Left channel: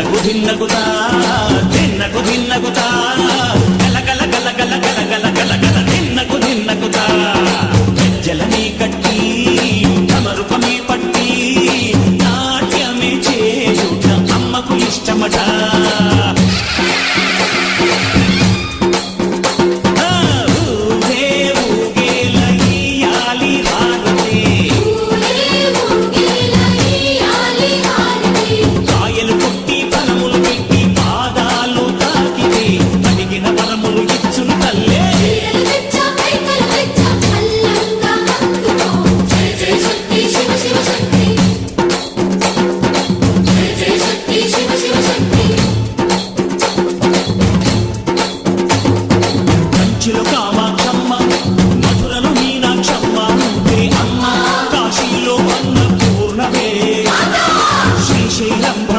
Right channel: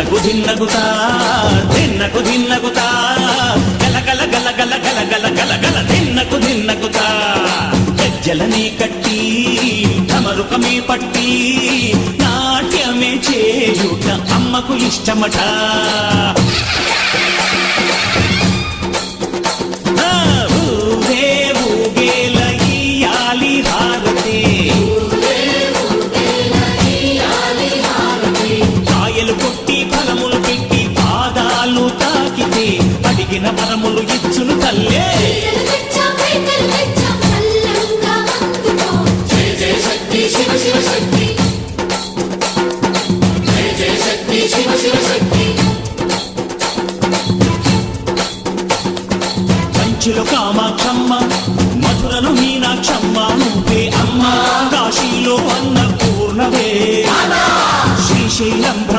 ధిన్నకు ధిన్నకుతా ధిన్నకు ధిన్నకుతా గల గల గల గల గల గల గల గల ధిన్నకు ధిన్నకుతా గజ్జలనే కట్టి ఢమరుకమే పట్టి నాట్యమే చేయుట అమ్మకు ఇష్టమట. ఊరే ఊగేల ఇయ్యాలి హారతి, కాయలు కొట్టి ఫలములు పెట్టి పాదాలు తాకితే అడిగిన వరములు ఇచ్చును తల్లే. కంచిలో కామాక్షమ్మ, మధురలో మీనాక్షమ్మ నువ్వే అమ్మ, కాశీలో అన్నపూర్ణవే, శ్రీశైలం భ్రమ